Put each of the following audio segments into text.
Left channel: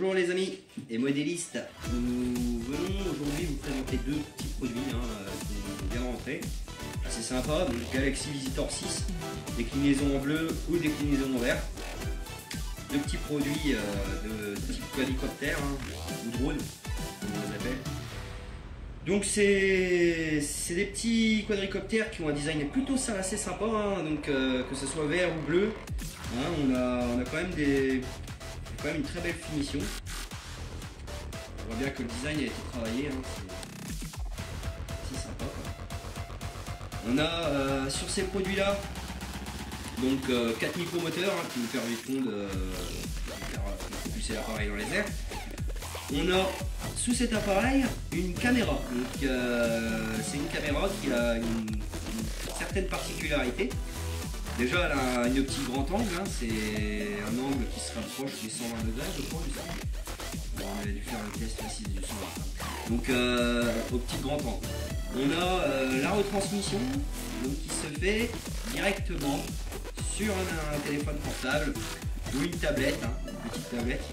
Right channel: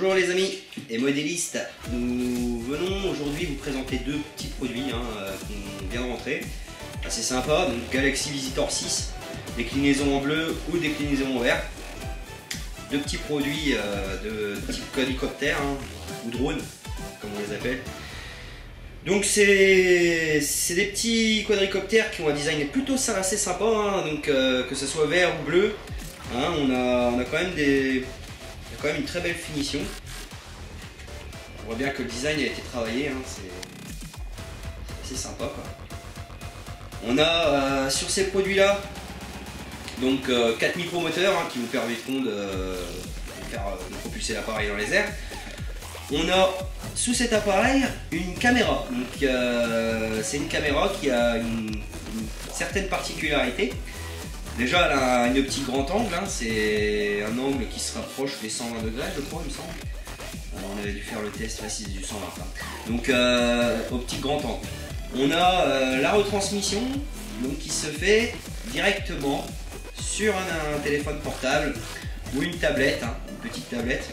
Bonjour les amis et modélistes, nous venons aujourd'hui vous présenter deux petits produits qui vient de rentrer, assez sympa. Donc Galaxy Visitor 6, déclinaison en bleu ou déclinaison en vert. Deux petits produits de type quadricoptère ou drone comme on les appelle. Donc c'est des petits quadricoptères qui ont un design plutôt assez sympa, donc que ce soit vert ou bleu, on a quand même une très belle finition. On voit bien que le design a été travaillé, c'est assez sympa quoi. On a sur ces produits là donc 4 micromoteurs qui vous permettront de propulser l'appareil dans les airs. On a sous cet appareil une caméra, donc c'est une caméra qui a une certaine particularité. Déjà elle a une optique grand angle, c'est un angle qui se rapproche des 120 degrés je crois il me semble. Alors, on avait dû faire le test, là c'est du 120. Donc optique grand angle. On a la retransmission donc, qui se fait directement sur un téléphone portable ou une tablette, une petite tablette.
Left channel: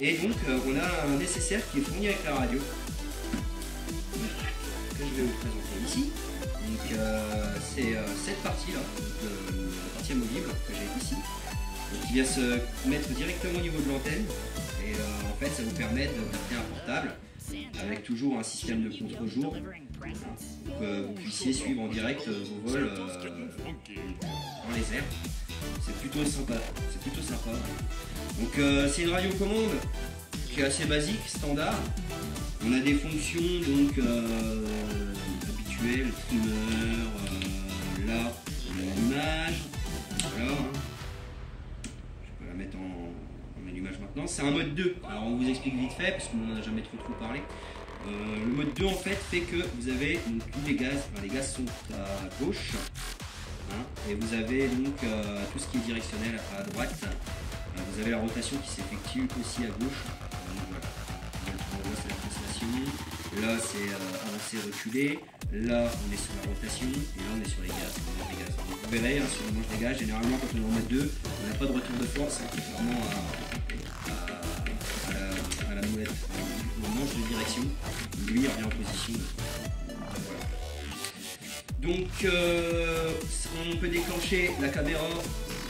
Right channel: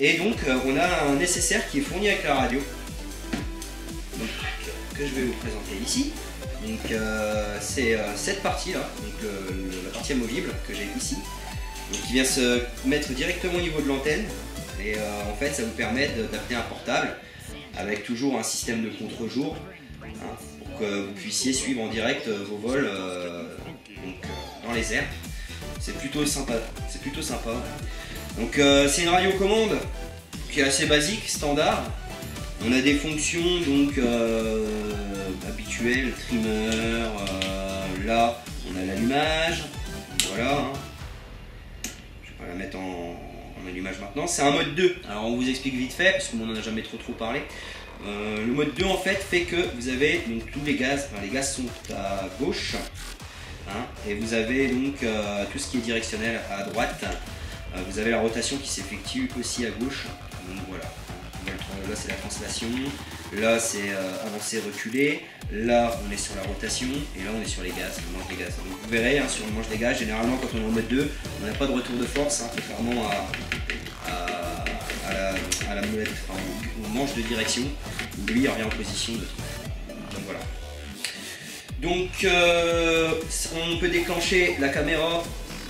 Et donc on a un nécessaire qui est fourni avec la radio donc, que je vais vous présenter ici. Donc c'est cette partie là, donc la partie amovible que j'ai ici, donc, qui vient se mettre directement au niveau de l'antenne. Et en fait ça vous permet d'adapter un portable avec toujours un système de contre-jour pour que vous puissiez suivre en direct vos vols dans les airs. C'est plutôt sympa, Donc c'est une radiocommande qui est assez basique, standard. On a des fonctions donc habituelles, trimmer, là on a l'allumage, voilà. Je vais pas la mettre en allumage maintenant. C'est un mode 2, alors on vous explique vite fait parce qu'on n'en a jamais trop parlé. Le mode 2 en fait fait que vous avez donc tous les gaz, les gaz sont à gauche. Et vous avez donc tout ce qui est directionnel à droite. Vous avez la rotation qui s'effectue aussi à gauche. Donc voilà. Là c'est la translation. Là c'est avancer, reculer. Là on est sur la rotation. Et là on est sur les gaz, le manche des gaz. Donc vous verrez sur le manche des gaz, généralement quand on est en mode 2, on n'a pas de retour de force, contrairement à la molette, au manche de direction. Lui il revient en position de 3. Donc voilà. Donc on peut déclencher la caméra,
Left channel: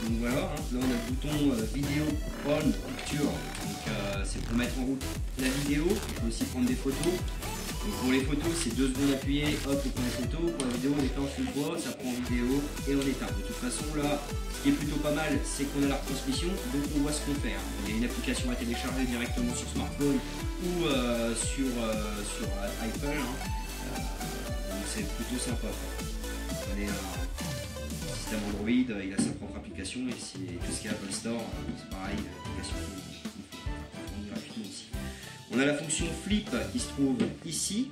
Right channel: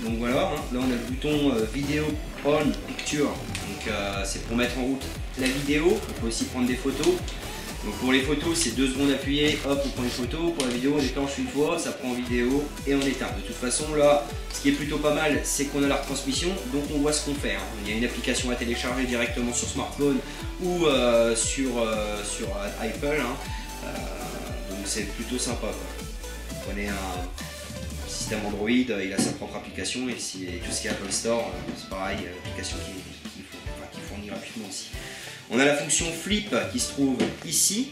donc voilà, là on a le bouton vidéo on picture, donc c'est pour mettre en route la vidéo. On peut aussi prendre des photos, donc pour les photos c'est 2 secondes appuyées, hop on prend une photo. Pour la vidéo on déclenche une fois, ça prend en vidéo et on éteint. De toute façon là, ce qui est plutôt pas mal c'est qu'on a la retransmission, donc on voit ce qu'on fait. Il y a une application à télécharger directement sur smartphone ou sur Apple, donc c'est plutôt sympa quoi. Vous prenez un système Android, il a sa propre application, et tout ce qui est Apple Store, c'est pareil, l'application qui fournit gratuitement aussi. On a la fonction flip qui se trouve ici.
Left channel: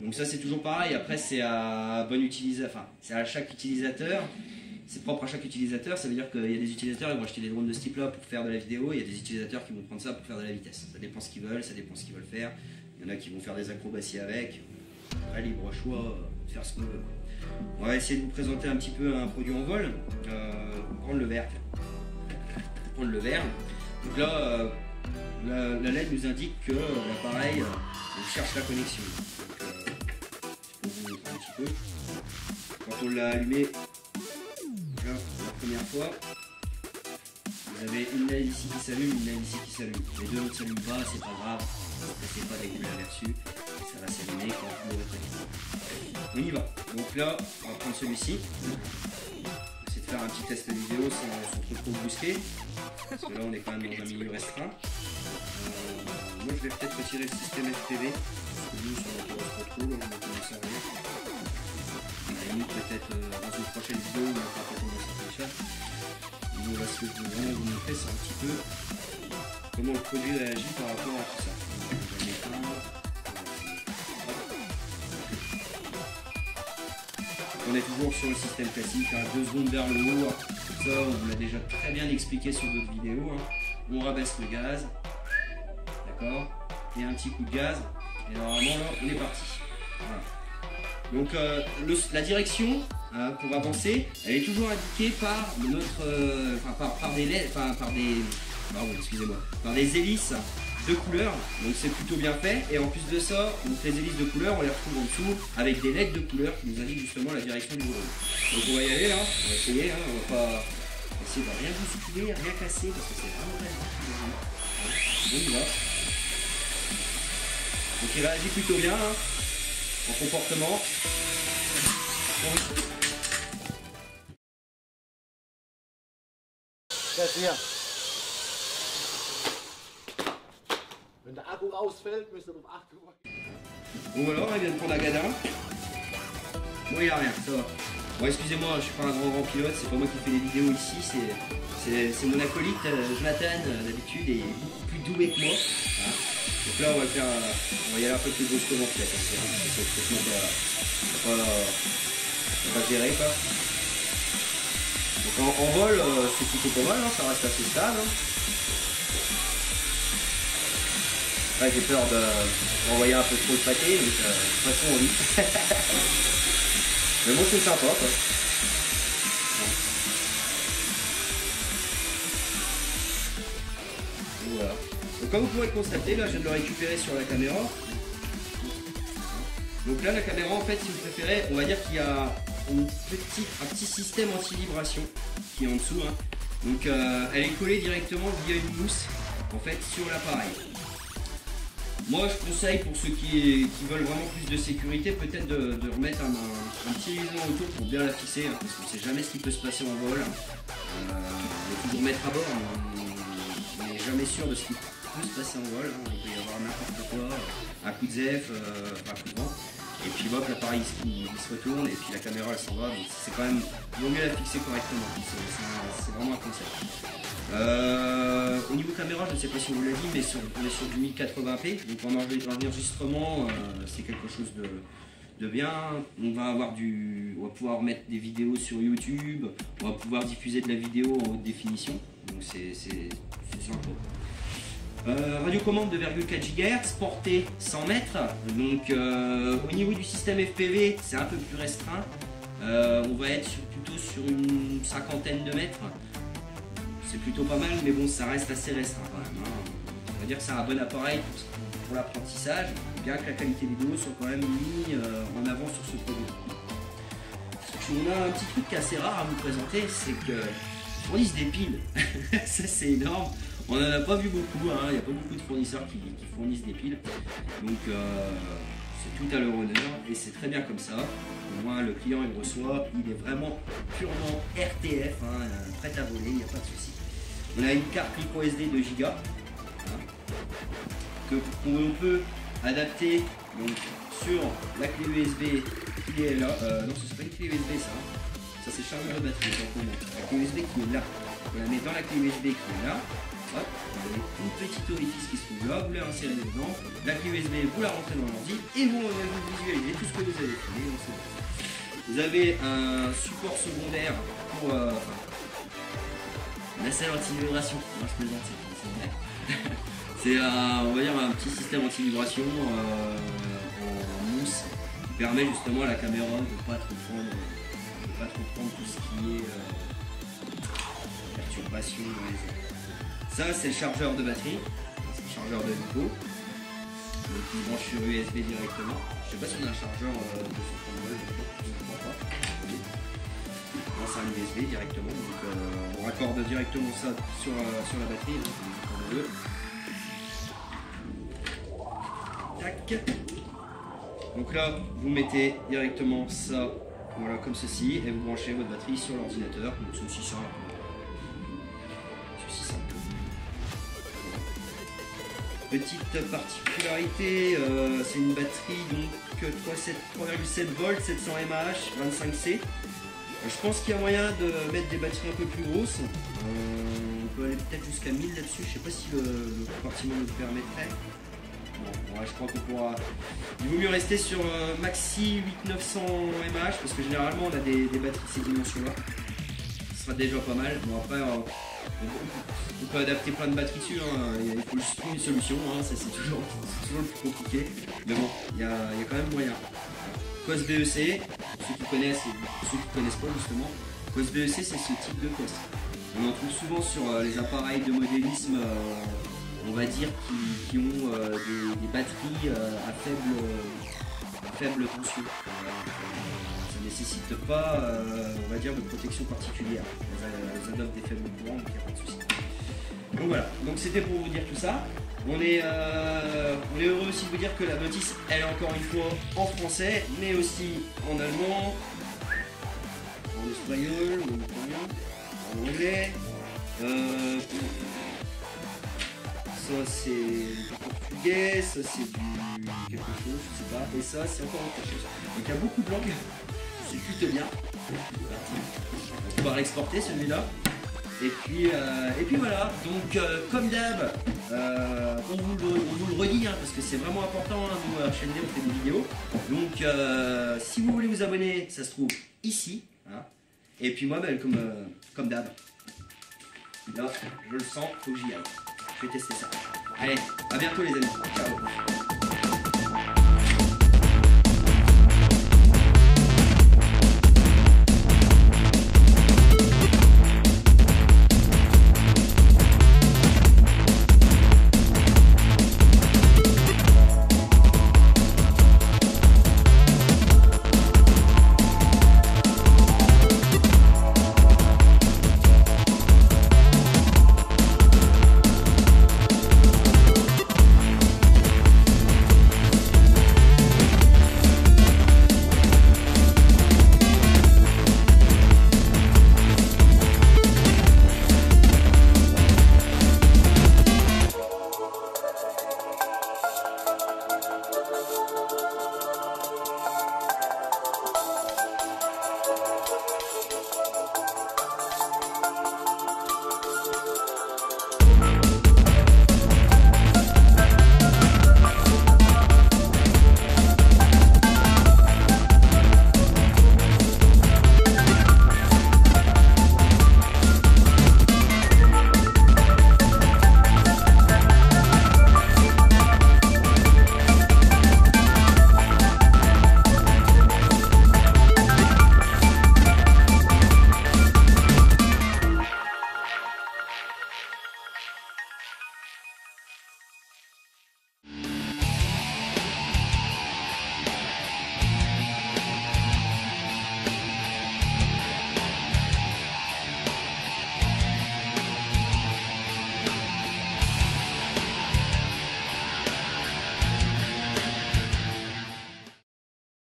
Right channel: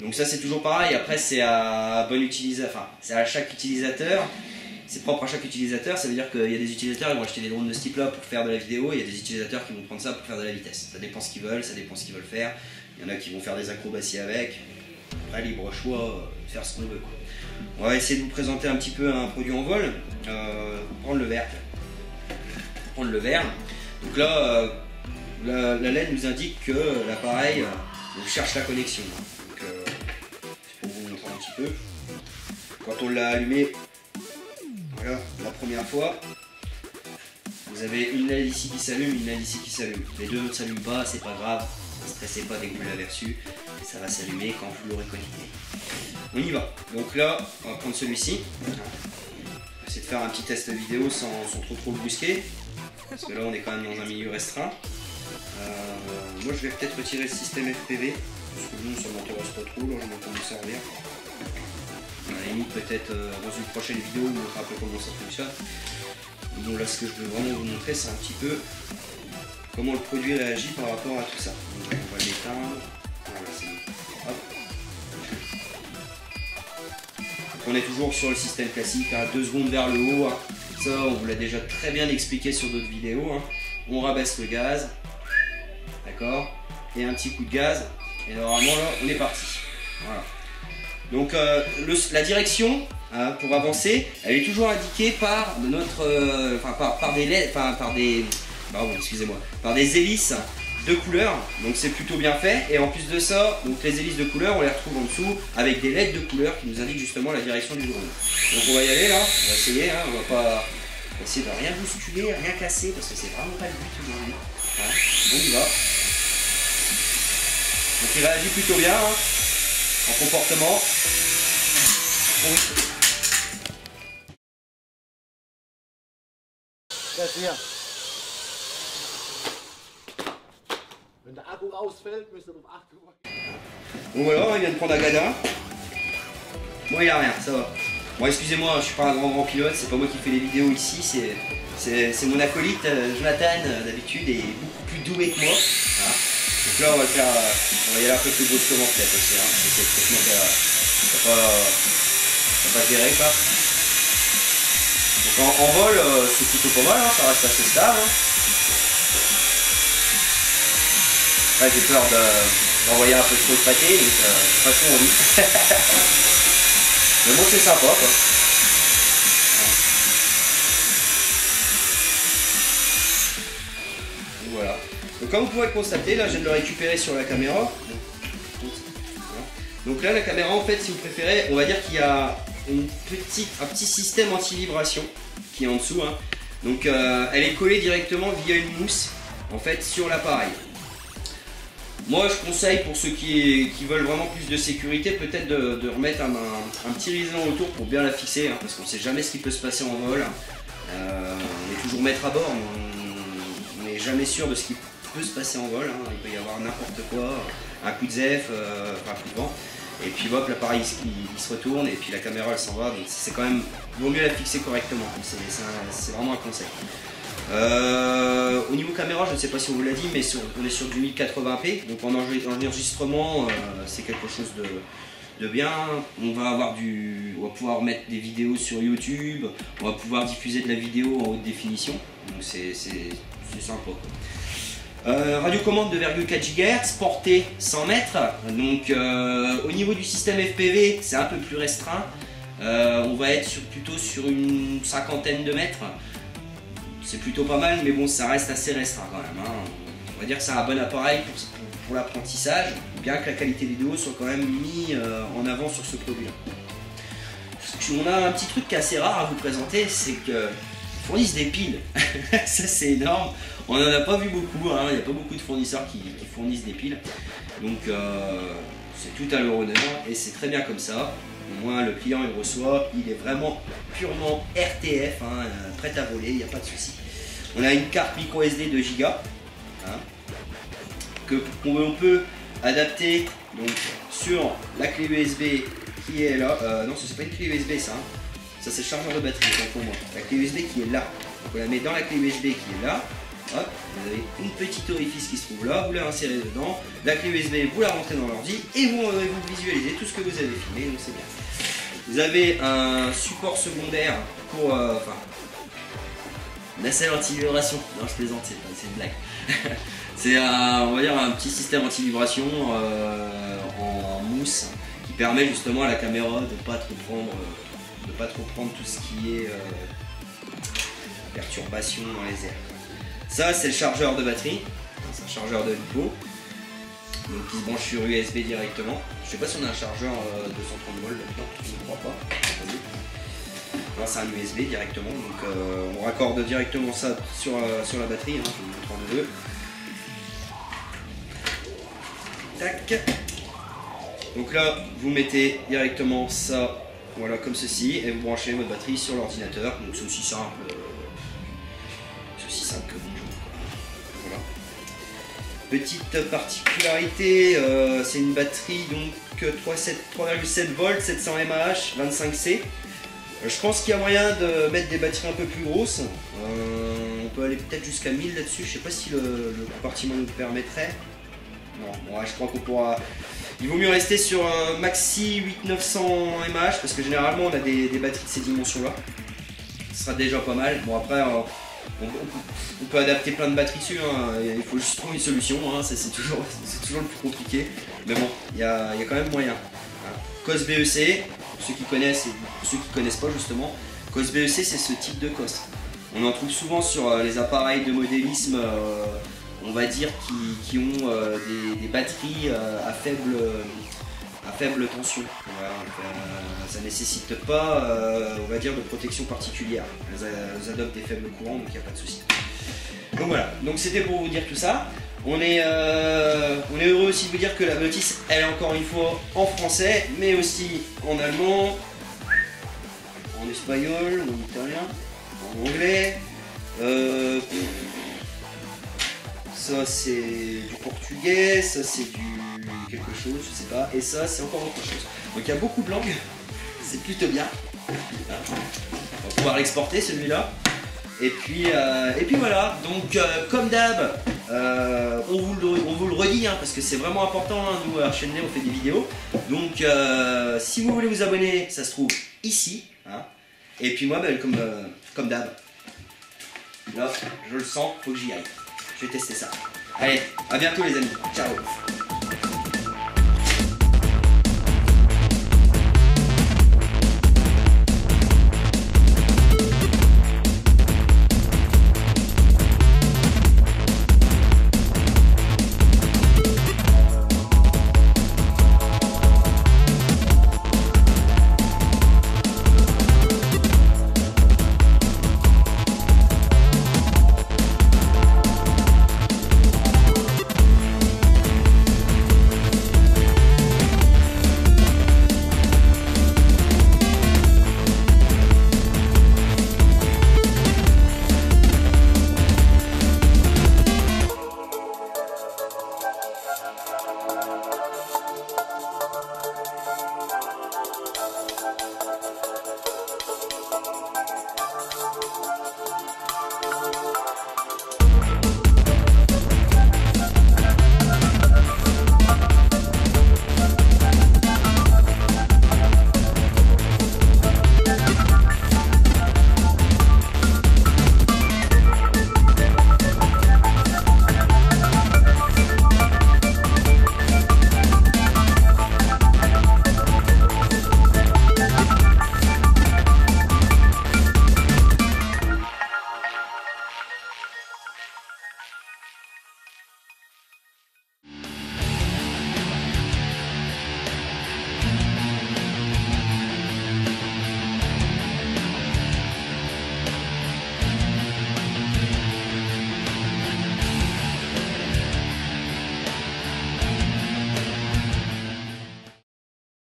Donc ça c'est toujours pareil, après c'est à bon utilisateur, enfin c'est à chaque utilisateur, c'est propre à chaque utilisateur. Ça veut dire qu'il y a des utilisateurs qui vont acheter des drones de ce type là pour faire de la vidéo, et il y a des utilisateurs qui vont prendre ça pour faire de la vitesse. Ça dépend ce qu'ils veulent, ça dépend ce qu'ils veulent faire. Il y en a qui vont faire des acrobaties avec. Après, libre choix, faire ce qu'on veut quoi. On va essayer de vous présenter un petit peu un produit en vol. Prendre le vert. Donc là, la LED nous indique que l'appareil cherche la connexion. Donc, c'est pour vous montrer un petit peu. Quand on l'a allumé, voilà, la première fois, vous avez une LED ici qui s'allume, une LED ici qui s'allume. Les deux autres ne s'allument pas, c'est pas grave. Ne stressez pas dès que vous l'avez reçu. Ça va s'allumer quand vous l'aurez connecté. On y va. Donc là, on va prendre celui-ci. On va essayer de faire un petit test vidéo sans trop le brusquer. Parce que là, on est quand même dans un milieu restreint. Moi, je vais peut-être retirer le système FPV. Parce que nous, ça m'intéresse pas trop. Là, je vais commencer à en lire. À la limite, peut-être dans une prochaine vidéo, on montrera un peu comment ça fonctionne. Mais bon, là, ce que je veux vraiment vous montrer, c'est un petit peu comment le produit réagit par rapport à tout ça. Donc, on va l'éteindre. On est toujours sur le système classique, 2 secondes vers le haut, ça on vous l'a déjà très bien expliqué sur d'autres vidéos. On rabaisse le gaz, d'accord, et un petit coup de gaz, et normalement là on est parti. Voilà. Donc la direction pour avancer, elle est toujours indiquée par notre, par des LED, par pardon, excusez-moi, par des hélices de couleur, donc c'est plutôt bien fait. Et en plus de ça, donc les hélices de couleur, on les retrouve en dessous avec des LED de couleur qui nous indiquent justement la direction du drone. Donc on va y aller là, on va essayer, hein, on va essayer de rien bousculer, rien casser parce que c'est vraiment pas le but aujourd'hui. Hein. Bon, il va. Donc il réagit plutôt bien hein, en comportement. Oui. Wenn der Akku ausfällt, müsst ihr darauf achten. Donc voilà, il vient de prendre Agada. Bon, il a rien, ça va. Bon, excusez-moi, je suis pas un grand pilote, c'est pas moi qui fais les vidéos ici, c'est mon acolyte Jonathan d'habitude est beaucoup plus doué que moi. Hein. Donc là, on va le faire, on va y aller un peu plus brusquement peut-être aussi. Hein, parce que ça va pas gérer quoi. Donc en vol, c'est plutôt pas mal, hein, ça reste assez stable. Hein. Ouais, j'ai peur d'envoyer un peu trop de pâté, mais de toute façon on lit. Mais bon, c'est sympa quoi. Et voilà. Donc comme vous pouvez le constater, là je viens de le récupérer sur la caméra. Donc là la caméra en fait si vous préférez, on va dire qu'il y a un petit système anti-vibration qui est en dessous. Hein. Donc elle est collée directement via une mousse en fait sur l'appareil. Moi je conseille pour ceux qui veulent vraiment plus de sécurité peut-être de remettre un petit liseré autour pour bien la fixer hein, parce qu'on ne sait jamais ce qui peut se passer en vol. On est toujours maître à bord, mais on n'est jamais sûr de ce qui peut se passer en vol. Hein. Il peut y avoir n'importe quoi, un coup de zef, un coup de vent. Et puis hop, l'appareil il se retourne et puis la caméra elle s'en va. Donc c'est quand même, il vaut mieux la fixer correctement. C'est vraiment un conseil. Au niveau caméra, je ne sais pas si on vous l'a dit, mais on est sur du 1080p, donc en enregistrement, c'est quelque chose de bien. On va pouvoir mettre des vidéos sur YouTube, on va pouvoir diffuser de la vidéo en haute définition, donc c'est sympa. Radiocommande de 2,4 GHz, portée 100 mètres, donc au niveau du système FPV, c'est un peu plus restreint. On va être plutôt sur une cinquantaine de mètres. C'est plutôt pas mal, mais bon, ça reste assez restreint quand même. Hein. On va dire que c'est un bon appareil pour l'apprentissage, bien que la qualité vidéo soit quand même mise en avant sur ce produit-là. On a un petit truc qui est assez rare à vous présenter, c'est qu'ils fournissent des piles. Ça, c'est énorme. On n'en a pas vu beaucoup, hein. Il n'y a pas beaucoup de fournisseurs qui fournissent des piles. Donc, c'est tout à leur honneur et c'est très bien comme ça. Au moins le client il reçoit, il est vraiment purement RTF, hein, prêt à voler, il n'y a pas de souci. On a une carte micro SD de giga hein, qu'on peut adapter donc, sur la clé USB qui est là. Non, ce n'est pas une clé USB ça. Hein. Ça c'est le chargeur de batterie pour moi. La clé USB qui est là. Donc, on la met dans la clé USB qui est là. Hop, vous avez une petite orifice qui se trouve là, vous la insérez dedans, la clé USB vous la rentrez dans l'ordi et vous visualisez tout ce que vous avez filmé, donc c'est bien. Vous avez un support secondaire pour nacelle anti-vibration, non je plaisante, c'est une blague. C'est on va dire un petit système anti-vibration en mousse qui permet justement à la caméra de ne pas trop prendre tout ce qui est perturbation dans les airs. Ça c'est le chargeur de batterie, c'est un chargeur de LiPo, donc qui se branche sur USB directement. Je sais pas si on a un chargeur de 230 volts maintenant, je ne crois pas. Non, c'est un USB directement, donc on raccorde directement ça sur la batterie, hein, je vais vous montrer en deux. Tac. Donc là vous mettez directement ça, voilà comme ceci, et vous branchez votre batterie sur l'ordinateur, donc c'est aussi simple. Que bonjour. Voilà. Petite particularité, c'est une batterie donc 3,7 volts, 700 mAh, 25C. Je pense qu'il y a moyen de mettre des batteries un peu plus grosses. On peut aller peut-être jusqu'à 1000 là-dessus. Je sais pas si le compartiment nous le permettrait. Non, ouais, je crois qu'on pourra. Il vaut mieux rester sur un maxi 8900 mAh parce que généralement on a des batteries de ces dimensions-là. Ce sera déjà pas mal. Bon après. On peut adapter plein de batteries dessus, hein. Il faut juste trouver une solution, hein. C'est toujours le plus compliqué. Mais bon, il y a quand même moyen. Hein. COS BEC, pour ceux qui connaissent et pour ceux qui ne connaissent pas justement, COS BEC c'est ce type de COS. On en trouve souvent sur les appareils de modélisme, on va dire, qui ont des batteries à faible tension. Voilà, ça nécessite pas, on va dire, de protection particulière. Elles adoptent des faibles courants, donc il n'y a pas de souci. Donc voilà, donc c'était pour vous dire tout ça. On est heureux aussi de vous dire que la notice, elle est encore une fois en français, mais aussi en allemand, en espagnol, en italien, en anglais. Ça c'est du portugais, ça c'est du quelque chose, je sais pas, et ça c'est encore autre chose. Donc il y a beaucoup de langues, c'est plutôt bien. On va pouvoir l'exporter celui-là. Et puis voilà, donc comme d'hab, on vous le redit, hein, parce que c'est vraiment important, hein, nous à HND on fait des vidéos. Donc si vous voulez vous abonner, ça se trouve ici. Hein. Et puis moi, ben, comme d'hab, là je le sens, faut que j'y aille. Je vais tester ça. Allez, à bientôt les amis, ciao.